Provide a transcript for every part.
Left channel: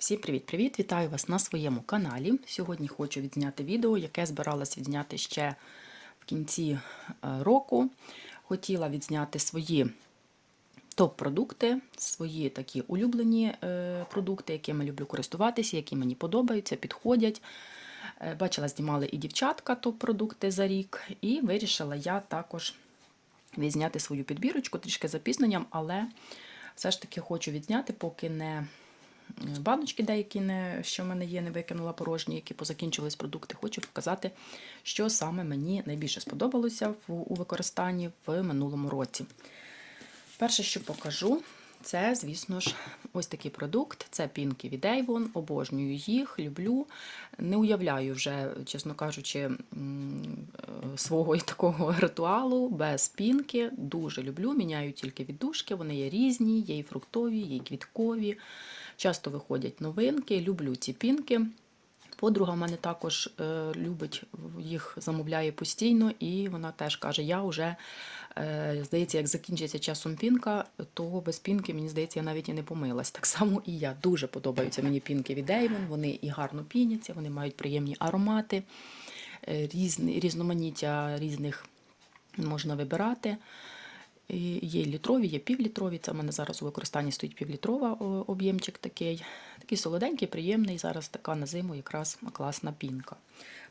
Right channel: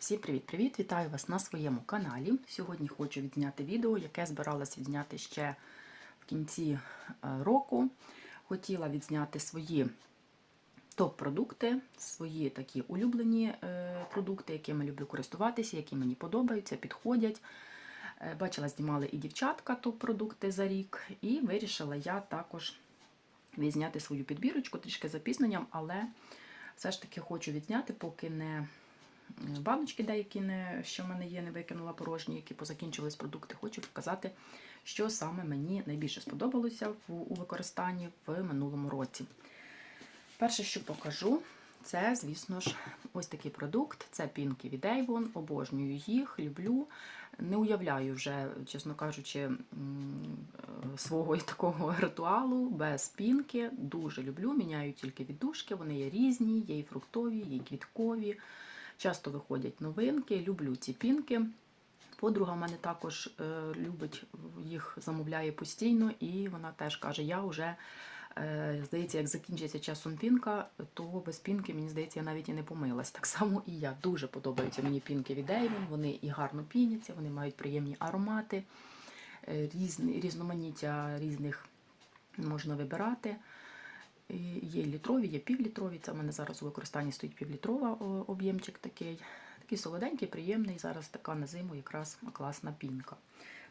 Всім привіт-привіт! Вітаю вас на своєму каналі. Сьогодні хочу відзняти відео, яке збиралась відзняти ще в кінці е, року. Хотіла відзняти свої топ-продукти, свої такі улюблені е, продукти, якими люблю користуватися, які мені подобаються, підходять. Е, Бачила, знімали і дівчатка топ-продукти за рік, і вирішила я також відзняти свою підбірочку трішки запізненням, але все ж таки хочу відзняти, поки не баночки деякі, не, що в мене є, не викинула порожні, які позакінчились продукти. Хочу показати, що саме мені найбільше сподобалося в, у використанні в минулому році. Перше, що покажу, це, звісно ж, ось такий продукт. Це пінки від Avon. Обожнюю їх, люблю. Не уявляю вже, чесно кажучи, е, свого такого ритуалу без пінки. Дуже люблю. Міняю тільки віддушки. Вони є різні, є і фруктові, є і квіткові. Часто виходять новинки. Люблю ці пінки. Подруга мене також е, любить їх, замовляє постійно, і вона теж каже: я вже, е, здається, як закінчиться часом пінка, то без пінки, мені здається, я навіть і не помилась. Так само і я. Дуже подобаються мені пінки від Avon, Вони і гарно піняться, вони мають приємні аромати, е, різні, різноманіття різних можна вибирати. І Є літрові, є півлітрові. Це в мене зараз у використанні стоїть півлітрова об'ємчик такий. Такий солоденький, приємний. Зараз така на зиму якраз класна пінка.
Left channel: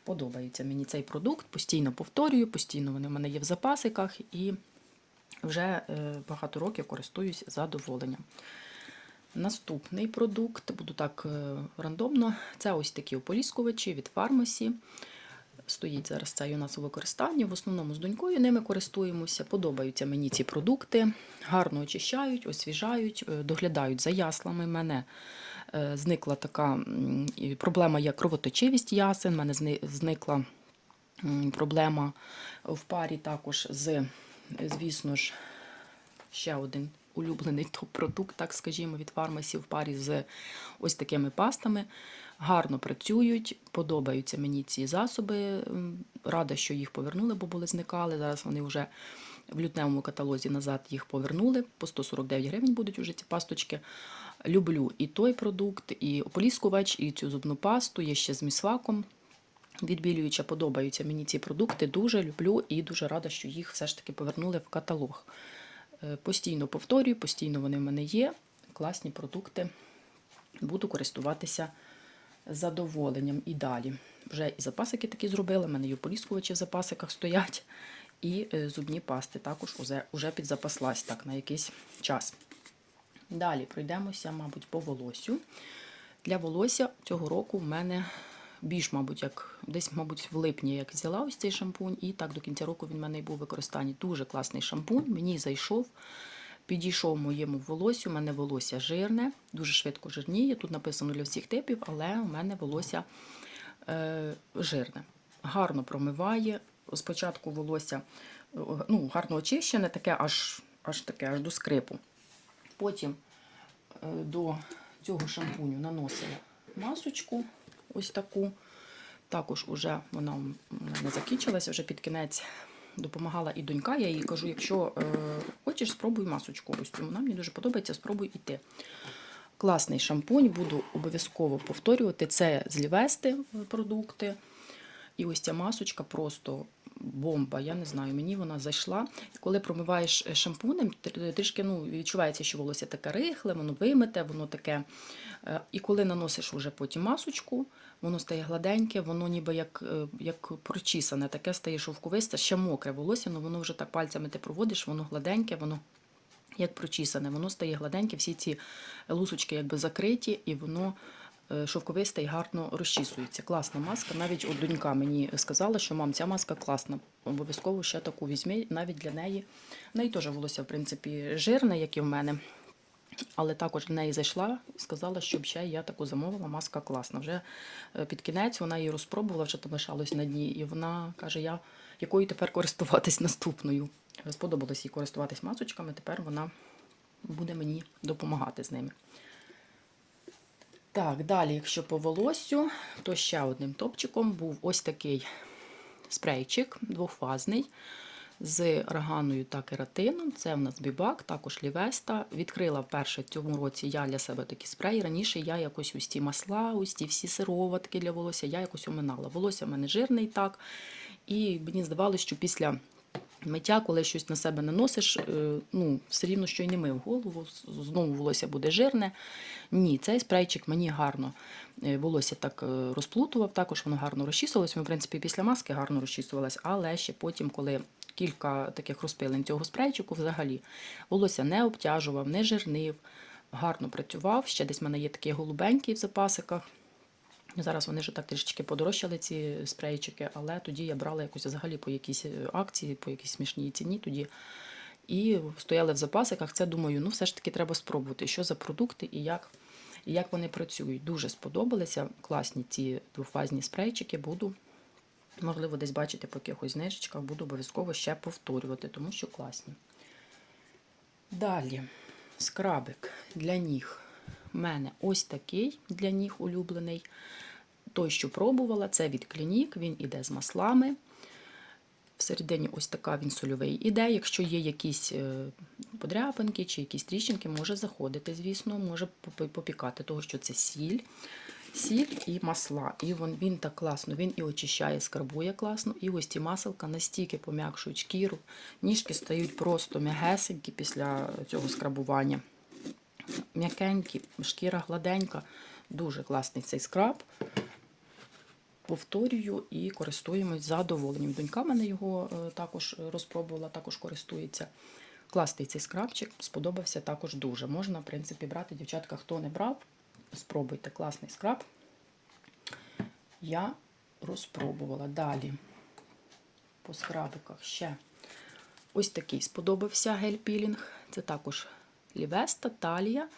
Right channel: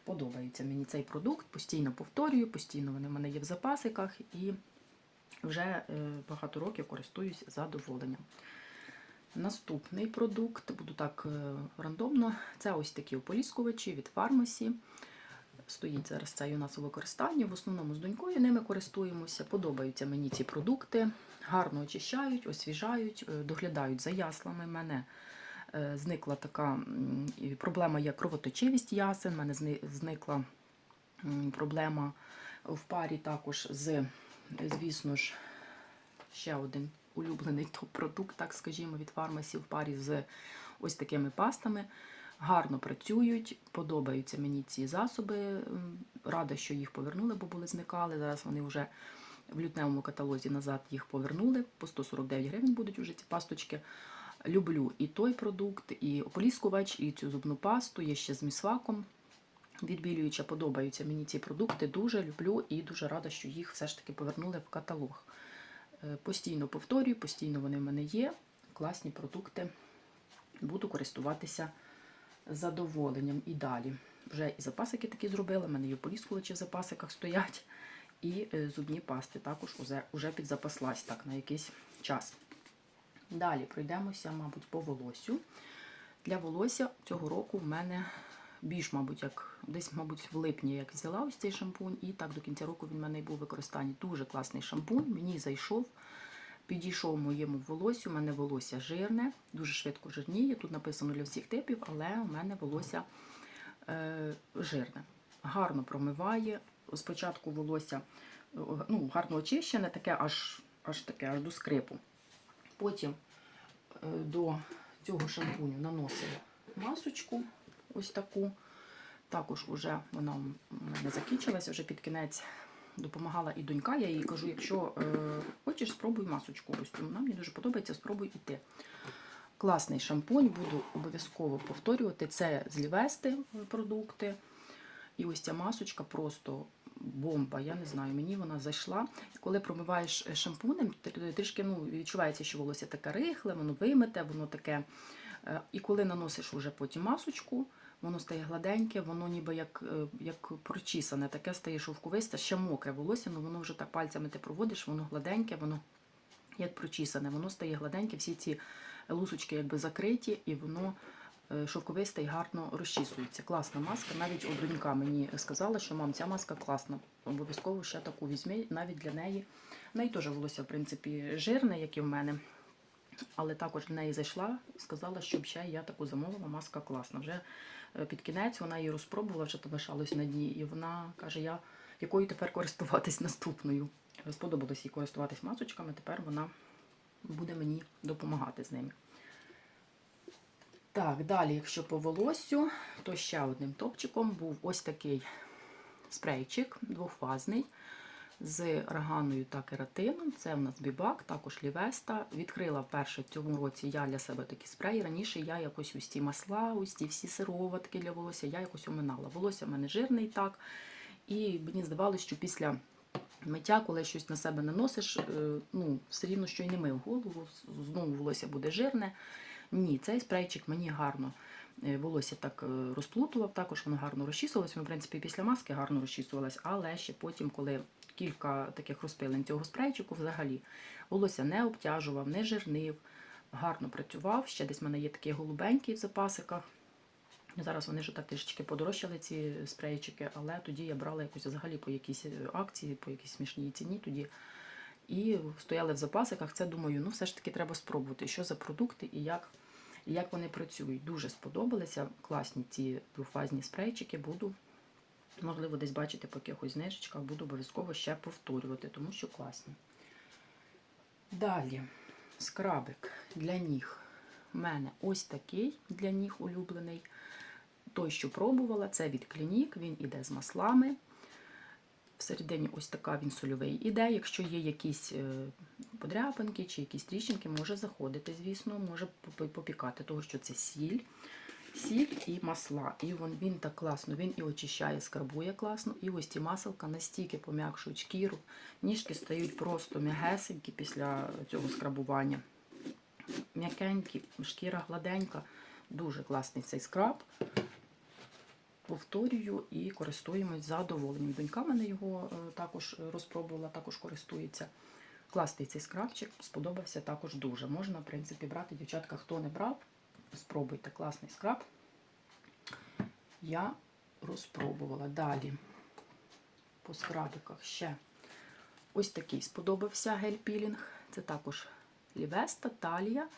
Подобається мені цей продукт, постійно повторюю, постійно вони в мене є в запасиках і вже е, багато років користуюсь задоволенням. Наступний продукт, буду так е, рандомно, це ось такі ополіскувачі від фармасі. Стоїть зараз цей у нас у використанні. В основному з донькою ними користуємося. Подобаються мені ці продукти, гарно очищають, освіжають, е, доглядають за яслами. Мене е, зникла така проблема, як кровоточивість ясен. У мене зникла проблема в парі також з, звісно ж, ще один улюблений топ-продукт, так скажімо, від фармасі в парі з ось такими пастами. Гарно працюють, подобаються мені ці засоби. Рада, що їх повернули, бо були зникали. Зараз вони вже в лютневому каталозі назад їх повернули. По 149 гривень будуть уже ці пасточки. Люблю і той продукт, і ополіскувач, і цю зубну пасту. Є ще з місваком. Відбілююча подобаються мені ці продукти. Дуже люблю і дуже рада, що їх все ж таки повернули в каталог. Е, Постійно повторюю, постійно вони в мене є. Класні продукти. Буду користуватися задоволенням і далі. Вже і запасики такі зробили, в мене і ополіскувачі в запасиках стоять, і е, зубні пасти також уже, уже підзапаслась так на якийсь час. Далі пройдемося, мабуть, по волосю. Для волосся цього року в мене більш, мабуть, як десь, мабуть, в липні як взяла ось цей шампунь, і так до кінця року він в мене і був у використанні. Дуже класний шампунь, мені зайшов, підійшов моєму волосю. У мене волосся жирне, дуже швидко жирніє. Тут написано для всіх типів, але у мене волосся е, жирне. Гарно промиває. Спочатку волосся е, ну, гарно очищене, таке аж, аж таке, аж до скрипу. Потім е, до цього шампуню наносила масочку, ось таку. Також уже вона не закінчилася, вже під кінець допомагала і донька. Я їй кажу, якщо е, хочеш, спробуй масочку. Ось. Вона мені дуже подобається, спробуй іти. Класний шампунь, буду обов'язково повторювати. Це з Лівести продукти. І ось ця масочка просто бомба. Я не знаю, мені вона зайшла. Коли промиваєш е, шампунем, трішки ну, відчувається, що волосся таке рихле, воно вимите, воно таке. Е, І коли наносиш уже потім масочку, воно стає гладеньке, воно ніби як, е, як прочісане, таке стає шовковисте, ще мокре волосся, але воно вже так пальцями ти проводиш, воно гладеньке, воно як прочісане, воно стає гладеньке, всі ці лусочки якби закриті, і воно е, шовковисте і гарно розчісується. Класна маска. Навіть от донька мені сказала, що мам, ця маска класна. Обов'язково ще таку візьми, навіть для неї. В неї теж волосся, в принципі, жирне, як і в мене. Але також в неї зайшла і сказала, щоб ще я таку замовила, маска класна. Вже е, під кінець вона її розпробувала, вже там лишалось на дні, і вона каже, я якою тепер користуватись наступною. Сподобалось їй користуватись масочками, тепер вона буде мені допомагати з ними. Так, далі, якщо по волосю, то ще одним топчиком був ось такий спрейчик двохфазний. З органою та кератином. Це в нас бібак, також лівеста. Відкрила вперше в цьому році я для себе такі спреї. Раніше я якось ось ті масла, ті всі сироватки для волосся, я якось оминала. Волосся в мене жирне і так. І мені здавалося, що після миття, коли щось на себе наносиш, е, ну, все рівно, що й не мив голову, знову волосся буде жирне. Ні, цей спрейчик мені гарно е, волосся так е, розплутував, також воно гарно розчісувалось. В принципі, після маски гарно розчісувалось, але ще потім, коли кілька таких розпилень цього спрейчику, взагалі волосся не обтяжував, не жирнив, гарно працював. Ще десь в мене є такі голубенькі в запасиках. Зараз вони вже так трішечки подорожчали, ці спрейчики, але тоді я брала якось взагалі по якійсь е, акції, по якійсь смішній ціні тоді. І стояли в запасиках. Це думаю, ну все ж таки треба спробувати, що за продукти і як, і як вони працюють. Дуже сподобалися. Класні ці двофазні спрейчики. Буду, можливо, десь бачити по якихось знижечках, буду обов'язково ще повторювати, тому що класні. Далі скрабик для ніг. У мене ось такий для ніг улюблений. Той, що пробувала, це від Клінік, він іде з маслами. Всередині ось така він сольовий іде. Якщо є якісь е, подряпинки чи якісь тріщинки, може заходити, звісно, може попікати, того що це сіль. Сіль і масла. І він, він так класно, він і очищає, скрабує класно. І ось ці маселка настільки пом'якшують шкіру. Ніжки стають просто м'ягесенькі після цього скрабування. М'якенькі, шкіра гладенька. Дуже класний цей скраб. Повторюю і користуємось задоволенням. Донька мене його е, також розпробувала, також користується. Класний цей скрабчик, сподобався також дуже. Можна, в принципі, брати, дівчатка, хто не брав, спробуйте класний скраб. Я розпробувала. Далі по скрабиках ще ось такий сподобався гель-пілінг. Це також лівеста, талія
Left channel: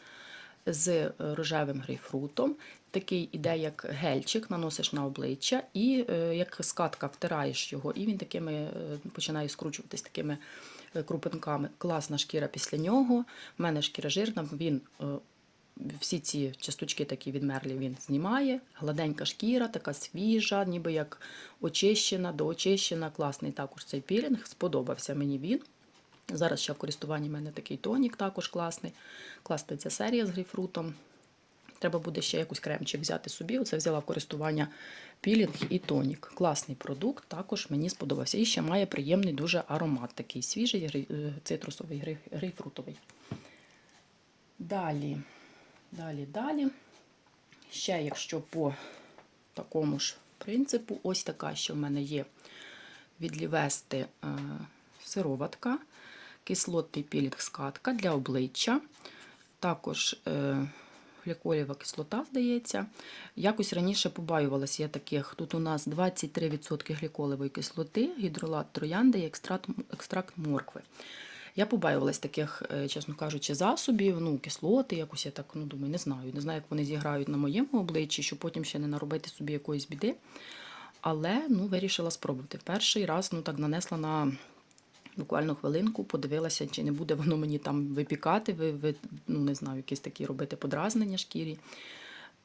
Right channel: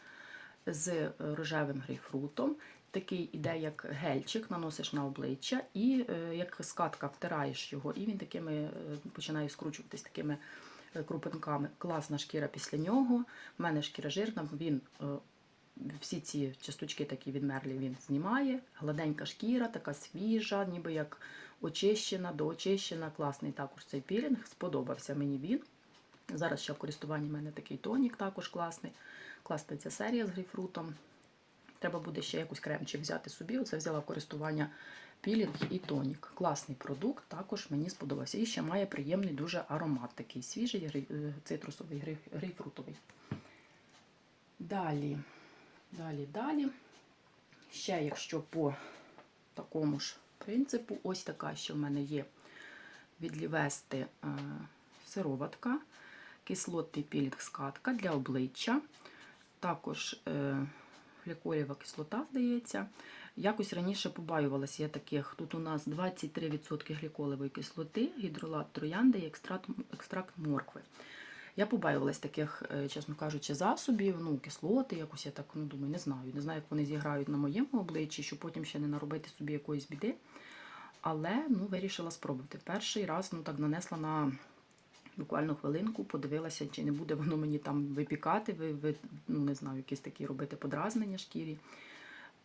з е, рожевим грейпфрутом. Такий іде як гельчик, наносиш на обличчя, і е, як скатка втираєш його, і він такими е, починає скручуватись такими крупинками. Класна шкіра після нього. У мене шкіра жирна, він всі ці часточки такі відмерлі він знімає. Гладенька шкіра, така свіжа, ніби як очищена, доочищена. Класний також цей пілінг. Сподобався мені він. Зараз ще в користуванні в мене такий тонік також класний. Класна ця серія з грейпфрутом. Треба буде ще якийсь кремчик взяти собі. Оце взяла в користування пілінг і тонік. Класний продукт, також мені сподобався. І ще має приємний дуже аромат, такий свіжий, е, цитрусовий, грей- грейпфрутовий. Далі, далі, далі. Ще, якщо по такому ж принципу, ось така ще в мене є від е, сироватка, кислотний пілінг скатка для обличчя. Також е, гліколєва кислота, здається. Якось раніше побаювалася я таких. Тут у нас 23% гліколевої кислоти, гідролат троянди і екстракт, екстракт моркви. Я побаювалась таких, е, чесно кажучи, засобів, ну, кислоти, якось я так ну, думаю, не знаю. Не знаю, як вони зіграють на моєму обличчі, щоб потім ще не наробити собі якоїсь біди. Але ну, вирішила спробувати. Перший раз ну, так нанесла на буквально хвилинку, подивилася, чи не буде воно мені там випікати, ви, ви, ну, не знаю, якісь такі робити подразнення шкірі.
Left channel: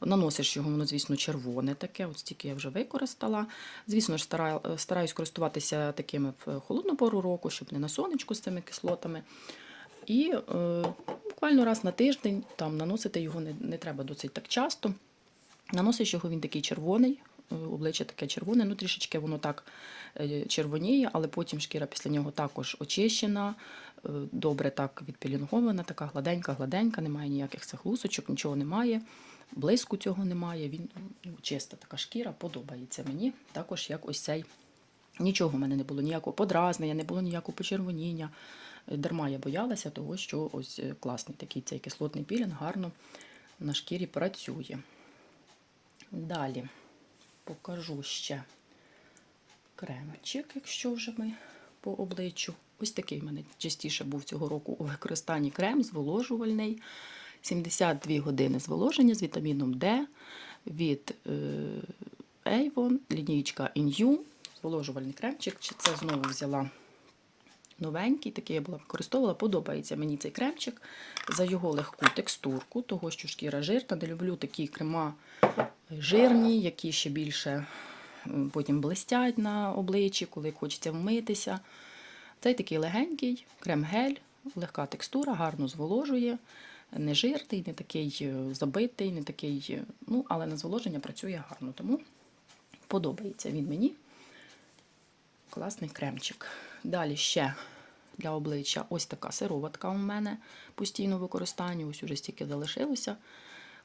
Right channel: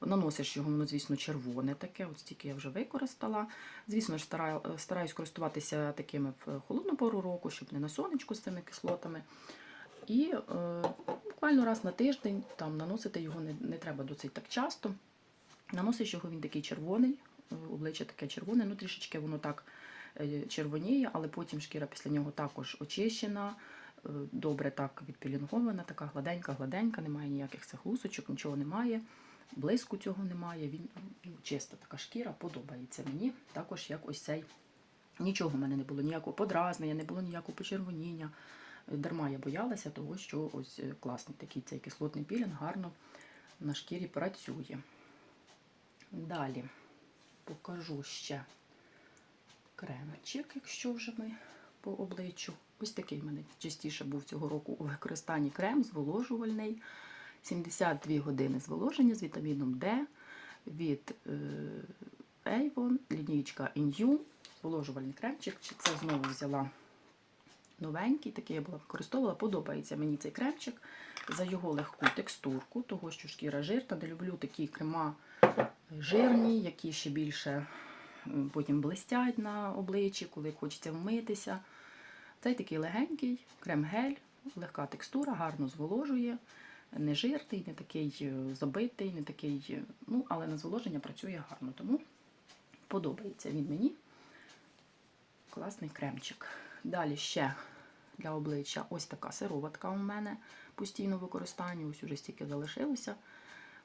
Наносиш його, воно, звісно, червоне таке, от стільки я вже використала. Звісно ж, стара- стараюсь користуватися такими в холодну пору року, щоб не на сонечку з цими кислотами. І е, буквально раз на тиждень там наносити його не, не треба досить так часто. Наносиш його, він такий червоний, е, обличчя таке червоне, ну трішечки воно так е, червоніє, але потім шкіра після нього також очищена, е, добре так відпілінгована, така гладенька, гладенька, немає ніяких цих лусочок, нічого немає. Блиску цього немає. Він ну, чиста така шкіра, подобається мені. Також як ось цей. Нічого в мене не було, ніякого подразнення, не було ніякого почервоніння. Дарма я боялася того, що ось е, класний такий цей кислотний пілінг гарно на шкірі працює. Далі покажу ще кремчик, якщо вже ми по обличчю. Ось такий в мене частіше був цього року у використанні крем зволожувальний. 72 години зволоження з вітаміном D від е, Avon, лінійка Inyu, зволожувальний кремчик. Це знову взяла новенький, такий я була використовувала. Подобається мені цей кремчик за його легку текстурку, того, що шкіра жирна. Не люблю такі крема жирні, які ще більше потім блистять на обличчі, коли хочеться вмитися. Цей такий легенький, крем-гель, легка текстура, гарно зволожує, не жирний, не такий е, забитий, не такий, е, ну, але на зволоження працює гарно. Тому подобається він мені. Класний кремчик. Далі ще для обличчя ось така сироватка у мене постійно в використанні, ось уже стільки залишилося.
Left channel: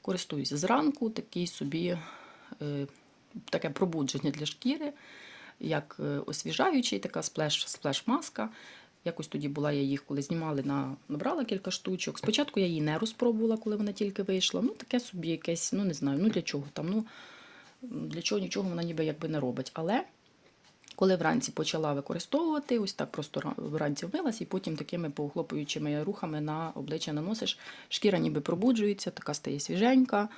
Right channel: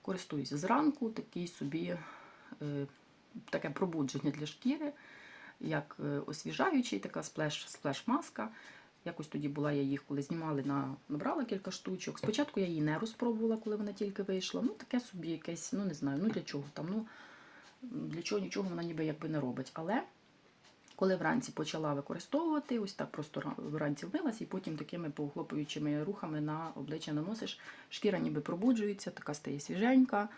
Користуюся зранку, такий собі е, таке пробудження для шкіри, як освіжаючий, така сплеш, сплеш-маска. Якось тоді була я їх, коли знімали, на, набрала кілька штучок. Спочатку я її не розпробувала, коли вона тільки вийшла. Ну, таке собі якесь, ну не знаю, ну для чого там. ну Для чого нічого вона ніби якби не робить. Але коли вранці почала використовувати, ось так просто вранці вмилась, і потім такими похлопуючими рухами на обличчя наносиш, шкіра ніби пробуджується, така стає свіженька,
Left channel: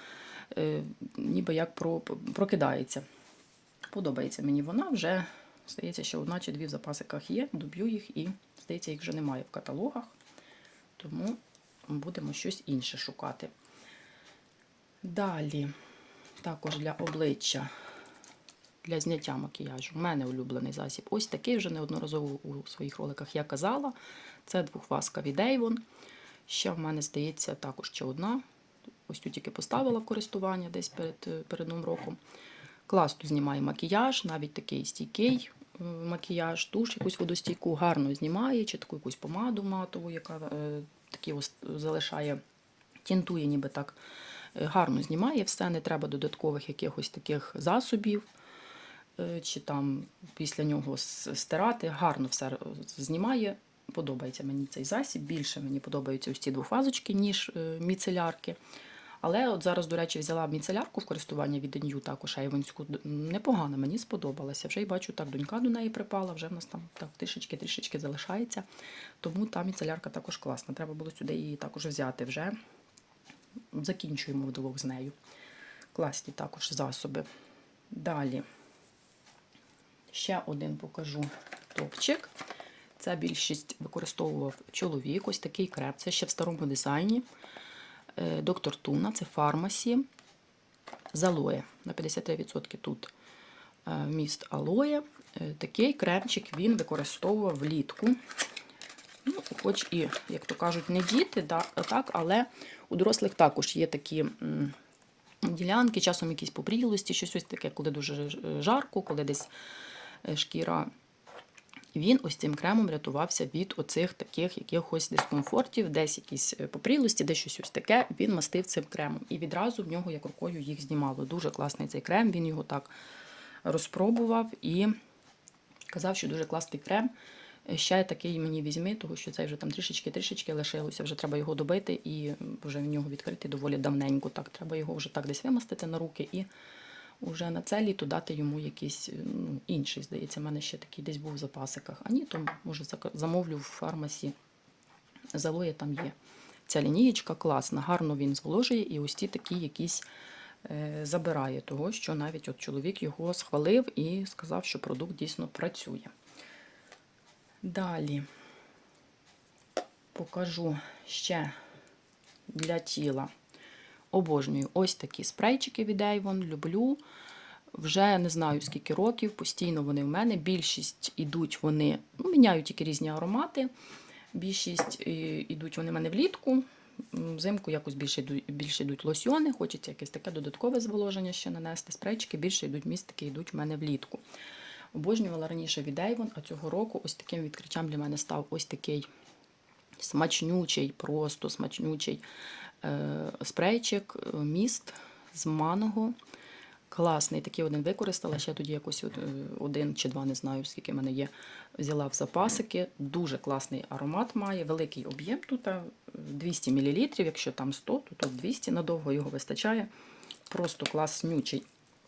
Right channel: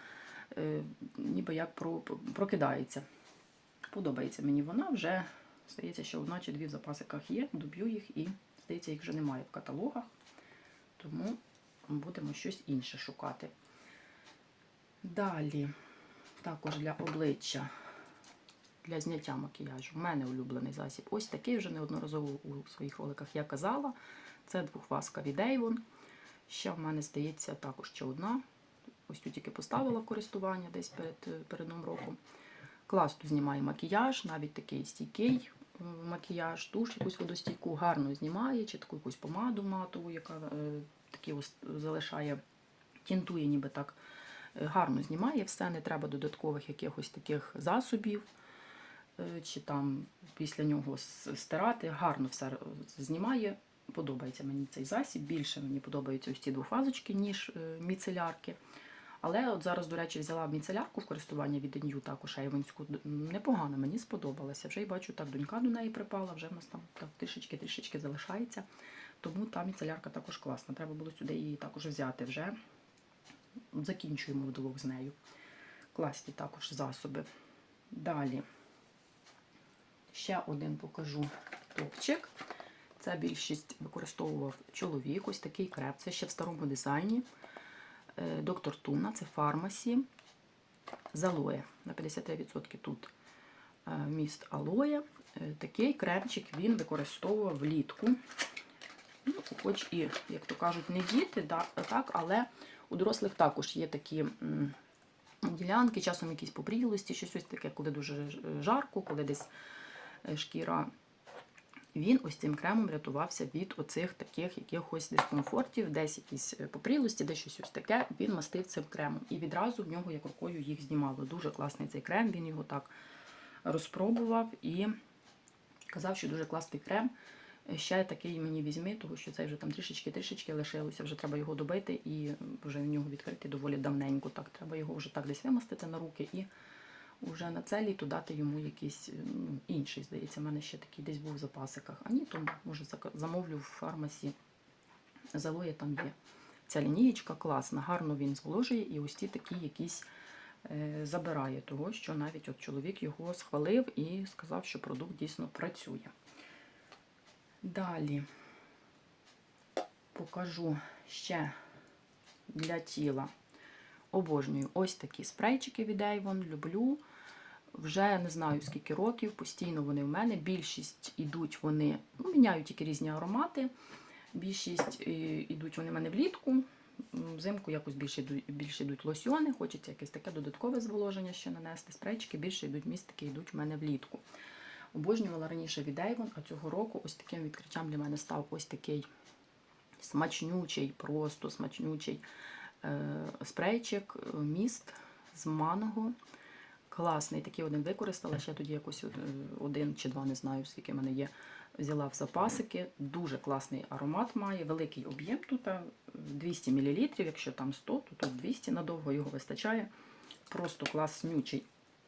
е, ніби як про, прокидається. Подобається мені вона, вже здається, що одна чи дві в запасиках є, доб'ю їх і, здається, їх вже немає в каталогах, тому будемо щось інше шукати. Далі, також для обличчя для зняття макіяжу. У мене улюблений засіб. Ось такий вже неодноразово у своїх роликах я казала. Це двохваска від Avon. Ще в мене здається також ще одна. Ось тут тільки поставила в користування десь перед, перед Новим роком. Класно знімає макіяж, навіть такий стійкий макіяж, туш якусь водостійку, гарно знімає, чи таку якусь помаду матову, яка е, такі залишає, тінтує ніби так. Е, Гарно знімає все, не треба додаткових якихось таких засобів е, чи там після нього стирати. Гарно все знімає. Подобається мені цей засіб. Більше мені подобаються ось ці двофазочки, ніж міцелярки. Але от зараз, до речі, взяла міцелярку в користування від Денью, також Ейвонську. Д- Непогано, мені сподобалася. Вже й бачу, так донька до неї припала, вже в нас там так трішечки-трішечки залишається. Тому та міцелярка також класна. Треба було сюди її також взяти вже. Закінчуємо вдвох з нею. Класні також засоби. Далі ще один покажу топчик. Це більшість використовував чоловік. Ось такий креп. Це ще в старому дизайні. Е, Доктор Туна, це фармасі. З алоє. На 53% тут е, вміст алоє. Е, Такий кремчик він використовував влітку. Ну, хоч і, як то кажуть, не діти, так, але у дорослих також є такі ділянки, часом якісь побрілості, щось ось таке, коли дуже жарко, коли десь шкіра. Він ось цим кремом рятувався від оцих таких якихось дискомфортів, десь якісь е, попрілості, десь щось ось таке. Він мастив цим кремом. І відразу в нього як рукою їх знімало. Дуже класний цей крем. Він його так розпробував і казав, що дуже класний крем. Е, Ще такий мені візьми, тому що цей вже там трішечки-трішечки лишилося, вже треба його добити і вже в нього відкрити доволі давненько. Так, треба його вже так десь вимастити на руки і вже на це літо дати йому якийсь ну, інший, здається, в мене ще такий десь був в запасиках. А ні, то може замовлю в фармасі. Залоє там є. Ця лінієчка класна, гарно він зволожує і ось ті такі якісь е, забирає того, що навіть от чоловік його схвалив і сказав, що продукт дійсно працює. Далі покажу ще для тіла. Обожнюю ось такі спрейчики від Avon, люблю. Вже не знаю скільки років, постійно вони в мене. Більшість ідуть вони, ну, міняють тільки різні аромати. Більшість е, ідуть вони в мене влітку. Взимку якось більше йдуть, більше йдуть лосьйони, хочеться якесь таке додаткове зволоження ще нанести. Спрейчики більше йдуть містики, йдуть в мене влітку. Обожнювала раніше від Avon, а цього року ось таким відкриттям для мене став ось такий смачнючий, просто смачнючий спрейчик, е, міст з маного. Класний, такий один використала. Ще тоді якось е, один чи два, не знаю, скільки в мене є. Взяла в запасики. Дуже класний аромат має, великий об'єм тут 200 мл. Якщо там 100, то тут 200 надовго його вистачає. Просто класнючий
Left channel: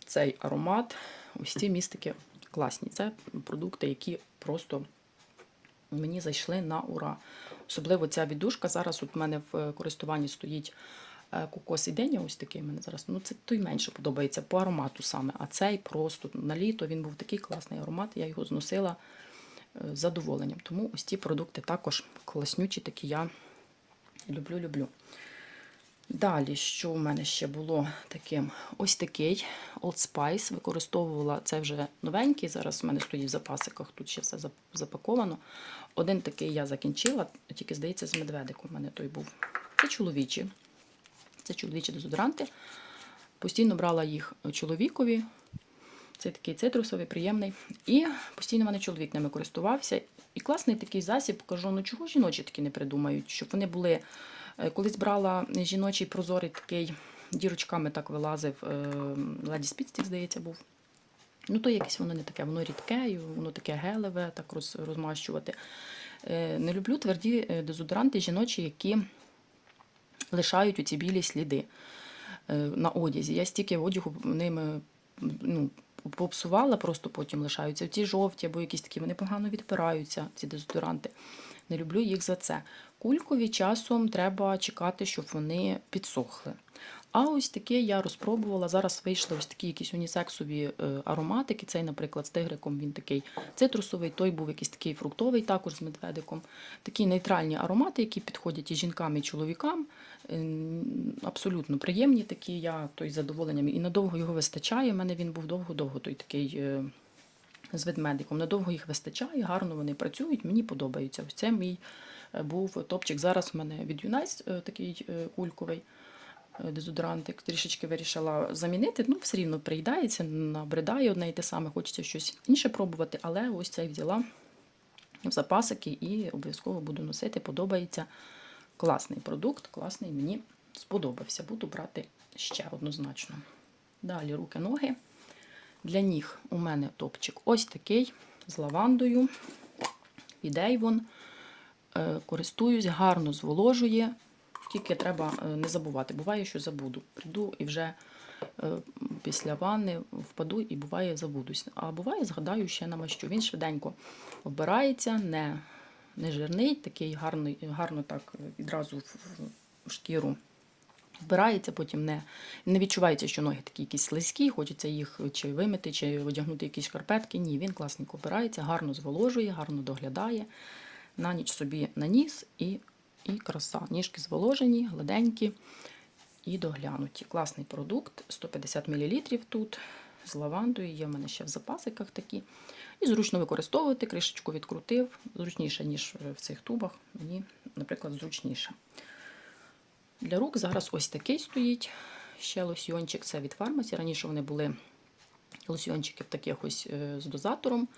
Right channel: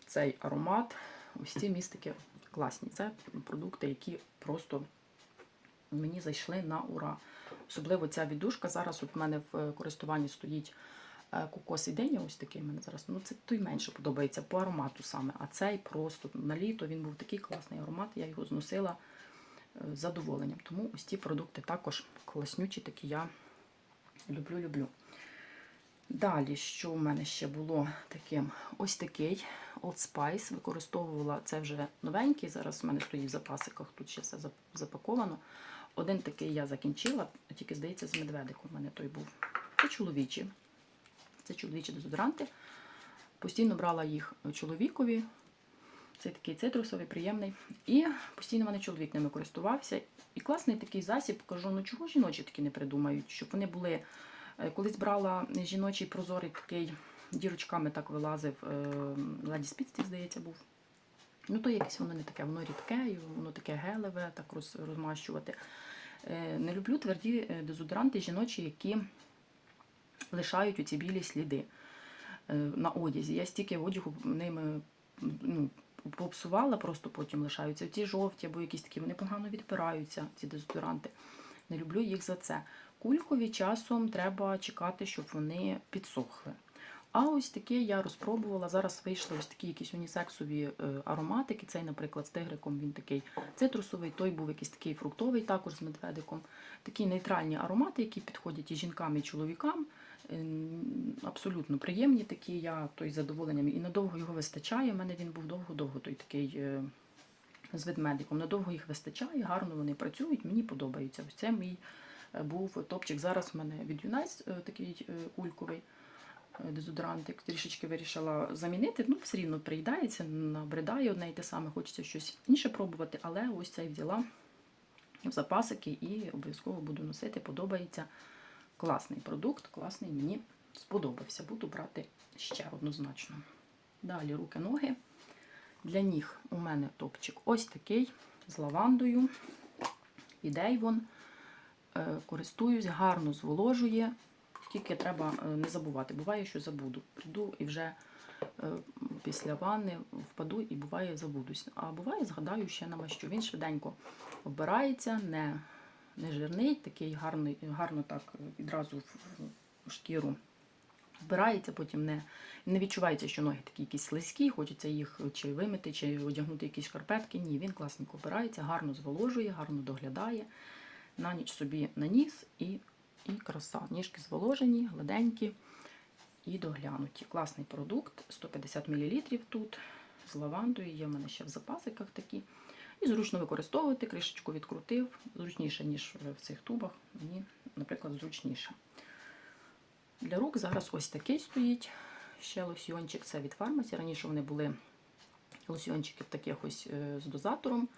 цей аромат. Ось ці містики класні. Це продукти, які просто мені зайшли на ура. Особливо ця віддушка. Зараз от в мене в користуванні стоїть е, кокос і деня, ось такий мене зараз. Ну, це той менше подобається по аромату саме. А цей просто на літо він був такий класний аромат, я його зносила е, з задоволенням. Тому ось ці продукти також класнючі, такі я люблю, люблю. Далі, що у мене ще було таким? Ось такий Old Spice. Використовувала це вже новенький. Зараз у мене стоїть в запасиках, тут ще все запаковано. один такий я закінчила, тільки, здається, з медведиком у мене той був. Це чоловічі. Це чоловічі дезодоранти. Постійно брала їх чоловікові. Це такий цитрусовий, приємний. І постійно в мене чоловік ними користувався. І класний такий засіб. Кажу, ну чого жіночі такі не придумають, щоб вони були. Е, Колись брала жіночий прозорий такий, дірочками так вилазив, е, Ладі Спіцтік, здається, був. Ну, то якесь воно не таке, воно рідке, воно таке гелеве, так роз, розмащувати. Е, Не люблю тверді дезодоранти жіночі, які лишають оці білі сліди на одязі. Я стільки одягу ними ну, попсувала, просто потім лишаються. Ті жовті або якісь такі, вони погано відпираються, ці дезодоранти. Не люблю їх за це. Кулькові часом треба чекати, щоб вони підсохли. А ось таке я розпробувала. Зараз вийшли ось такі якісь унісексові е, ароматики. Цей, наприклад, з тигриком він такий цитрусовий, той був якийсь такий фруктовий, також з медведиком. Такі нейтральні аромати, які підходять і жінкам, і чоловікам. Ем, Абсолютно приємні такі. Я той задоволенням. І надовго його вистачає. У мене він був довго-довго той такий. е, З ведмедиком. Надовго їх вистачає, гарно вони працюють, мені подобається. Ось це мій був топчик. Зараз у мене від Юнайс е, такий е, кульковий е, дезодорантик. Трішечки вирішила замінити. Ну, все рівно приїдається, набридає одне і те саме, хочеться щось інше пробувати, але ось цей взяла в запасики і обов'язково буду носити. Подобається класний продукт, класний, мені сподобався. Буду брати ще однозначно. Далі руки, ноги. Для ніг у мене топчик ось такий з лавандою. Від Avon. Е, Користуюсь, гарно зволожує. Тільки треба е, не забувати. Буває, що забуду. Прийду і вже е, після ванни впаду і буває забудусь. А буває, згадаю ще на мащу. Він швиденько обирається, не, не жирний, такий гарний, гарно так відразу в, шкіру вбирається, потім не, не відчувається, що ноги такі якісь слизькі, хочеться їх чи вимити, чи одягнути якісь шкарпетки. Ні, він класненько обирається, гарно зволожує, гарно доглядає. На ніч собі наніс і, і краса. Ніжки зволожені, гладенькі і доглянуті. Класний продукт, 150 мл тут з лавандою, є в мене ще в запасиках такі. І зручно використовувати, кришечку відкрутив, зручніше, ніж в цих тубах. Мені, наприклад, зручніше. Для рук зараз ось такий стоїть. Ще лосьйончик це від фармасі. Раніше вони були лосьйончики в таких ось е, з дозатором.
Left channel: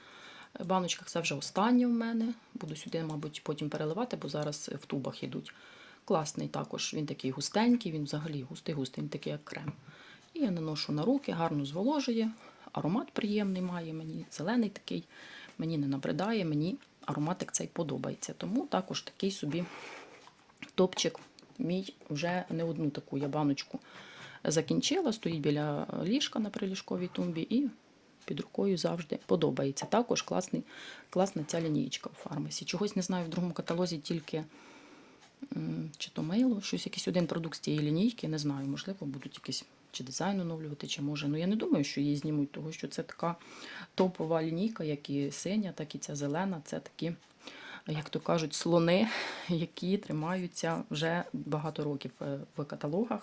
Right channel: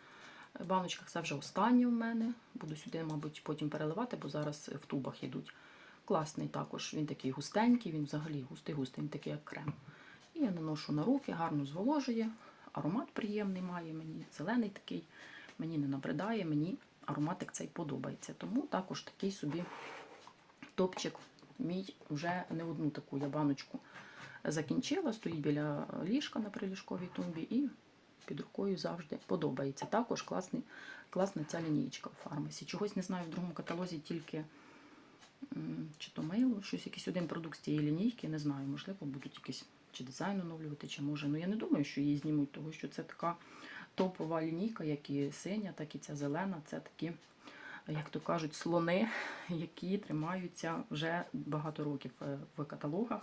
В баночках це вже останнє в мене. Буду сюди, мабуть, потім переливати, бо зараз в тубах йдуть. Класний також, він такий густенький, він взагалі густий-густий, він такий як крем. І я наношу на руки, гарно зволожує. Аромат приємний має мені, зелений такий, мені не набридає, мені ароматик цей подобається. Тому також такий собі топчик мій вже не одну таку я баночку закінчила, стоїть біля ліжка на приліжковій тумбі і під рукою завжди подобається. Також класний, класна ця лінійка в фармасі. Чогось не знаю, в другому каталозі тільки чи то мило, щось якийсь один продукт з цієї лінійки, не знаю, можливо, будуть якісь чи дизайн оновлювати, чи може. Ну я не думаю, що її знімуть, тому що це така топова лінійка, як і синя, так і ця зелена. Це такі як то кажуть, слони, які тримаються вже багато років е, в каталогах.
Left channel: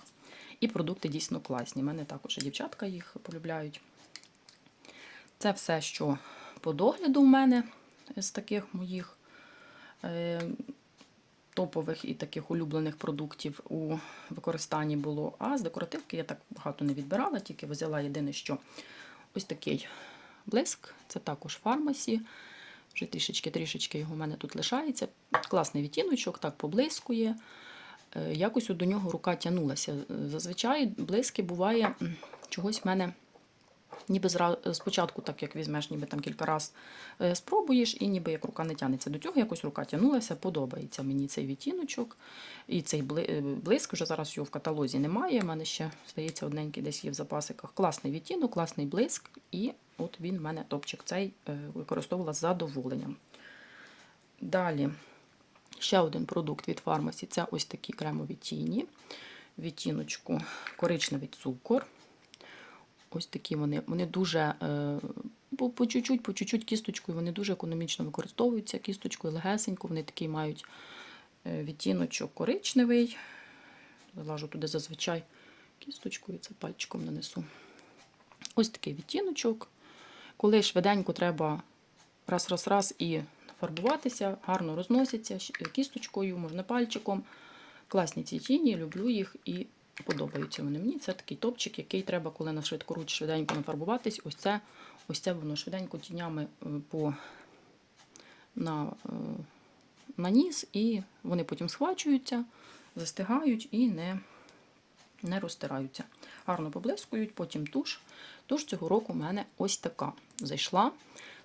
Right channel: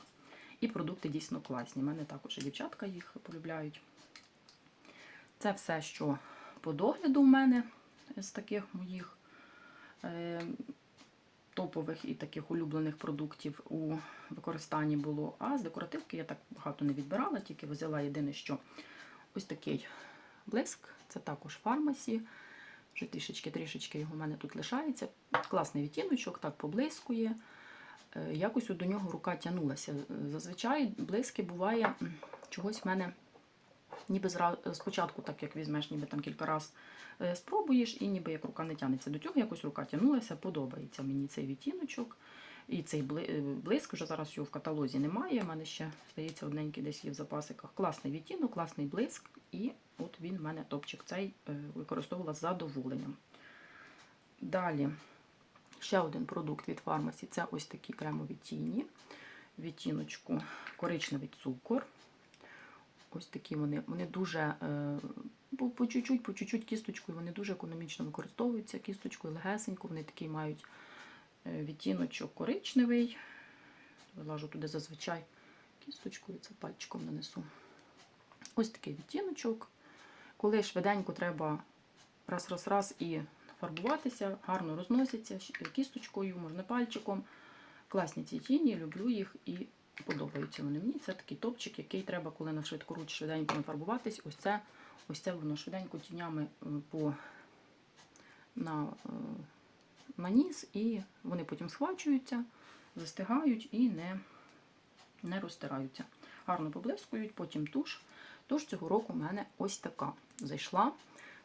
І продукти дійсно класні. У мене також і дівчатка їх полюбляють. Це все, що по догляду в мене з таких моїх е, топових і таких улюблених продуктів у використанні було. А з декоративки я так багато не відбирала, тільки взяла єдине, що ось такий блиск, це також фармасі. Вже трішечки-трішечки його в мене тут лишається. Класний відтіночок, так поблискує. Е, Якось до нього рука тягнулася. Зазвичай блиски буває чогось в мене ніби спочатку, так як візьмеш, ніби там кілька разів спробуєш, і ніби як рука не тягнеться. До цього якось рука тягнулася, подобається мені цей відтіночок. І цей е, блиск, вже зараз його в каталозі немає. У мене ще, здається, одненький десь є в запасиках. Класний відтінок, класний блиск, і от він в мене топчик цей е, використовувала з задоволенням. Далі ще один продукт від фармасі це ось такі кремові тіні. Відтіночку коричневий цукор. Ось такі вони. Вони дуже е, по, чуть-чуть, по чуть-чуть кісточкою, вони дуже економічно використовуються кісточкою, легесенько. Вони такий мають е, відтіночок коричневий. Залажу туди зазвичай кісточкою, це пальчиком нанесу. Ось такий відтіночок. Коли швиденько треба раз-раз-раз і фарбуватися, гарно розносяться кісточкою, можна пальчиком. Класні ці тіні, люблю їх і подобаються вони мені. Це такий топчик, який треба, коли на швидкоруч швиденько нафарбуватись. Ось це, ось це воно швиденько тінями е, по на, е, наніс, і вони потім схвачуються, застигають і не, не розтираються. Гарно поблискують, потім туш. Туш цього року в мене ось така зайшла.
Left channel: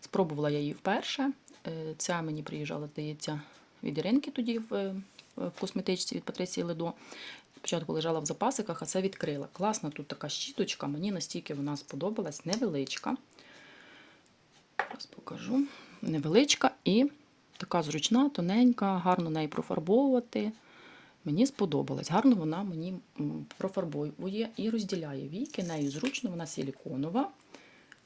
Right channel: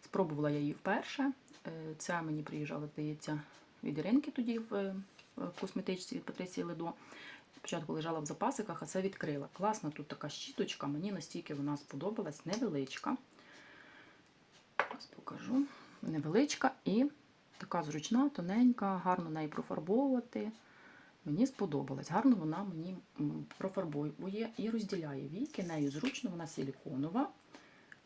Спробувала я її вперше. Е, Ця мені приїжджала, здається, від Іринки тоді в, е, косметичці від Патриції Ледо. Спочатку лежала в запасиках, а це відкрила. Класна тут така щіточка, мені настільки вона сподобалась, невеличка. Зараз покажу. Невеличка і така зручна, тоненька, гарно неї профарбовувати. Мені сподобалась. Гарно вона мені профарбовує і розділяє віки. Нею зручно, вона силіконова.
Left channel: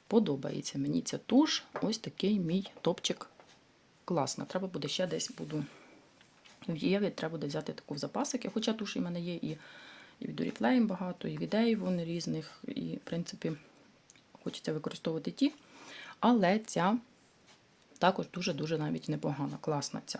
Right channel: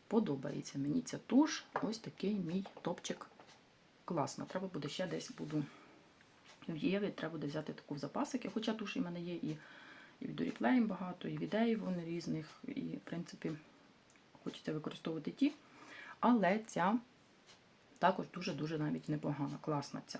Подобається мені ця туш. Ось такий мій топчик. Класно. Треба буде ще десь буду Єві, треба буде взяти таку в запасики. Хоча туш в мене є і, і від Oriflame багато, і від Avon різних. І, в принципі, хочеться використовувати ті. Але ця також дуже-дуже навіть непогана, класна ця.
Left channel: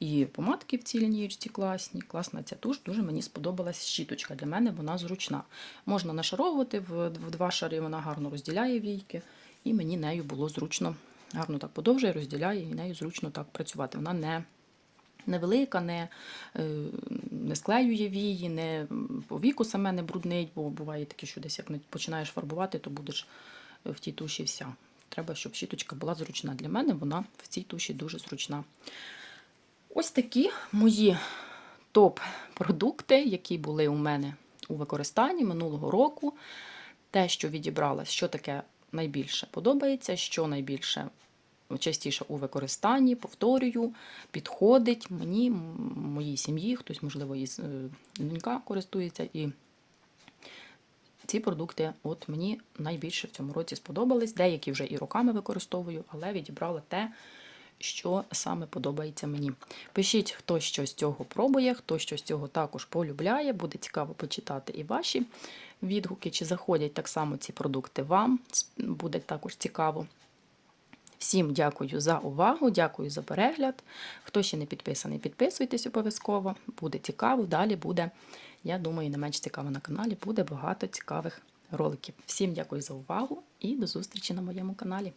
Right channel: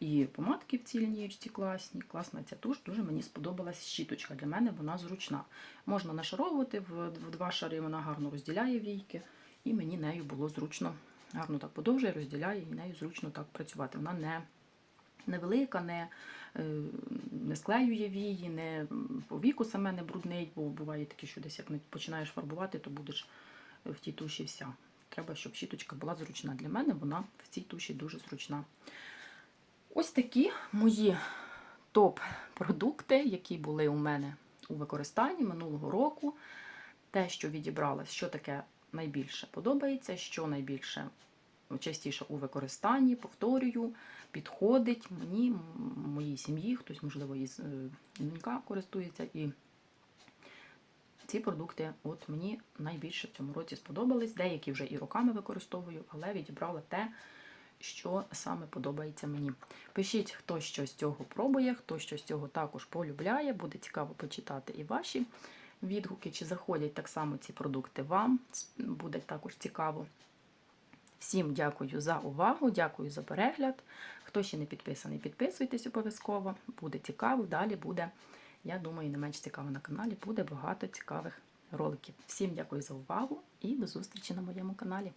І помадки в цій лінієчці класні, класна ця туш, дуже мені сподобалась щіточка. Для мене вона зручна. Можна нашаровувати в, в два шари, вона гарно розділяє війки, і мені нею було зручно, гарно так подовжує, розділяє, і нею зручно так працювати. Вона не невелика, не, е, не склеює вії, не по віку саме не бруднить, бо буває таке, що десь як починаєш фарбувати, то будеш в тій туші вся. Треба, щоб щіточка була зручна. Для мене вона в цій туші дуже зручна. Ось такі мої топ-продукти, які були у мене у використанні минулого року. Те, що відібрала, що таке найбільше подобається, що найбільше частіше у використанні, повторюю, підходить мені, моїй сім'ї, хтось, можливо, із е, донька користується. І ці продукти от мені найбільше в цьому році сподобались. Деякі вже і роками використовую, але відібрала те, що саме подобається мені. Пишіть, хто що з цього пробує, хто що з цього також полюбляє. Буде цікаво почитати і ваші відгуки, чи заходять так само ці продукти вам. Буде також цікаво. Всім дякую за увагу, дякую за перегляд. Хто ще не підписаний, підписуйтесь обов'язково. Буде цікаво. Далі буде, я думаю, не менш цікаво на каналі. Буде багато цікавих роликів. Всім дякую за увагу і до зустрічі на моєму каналі.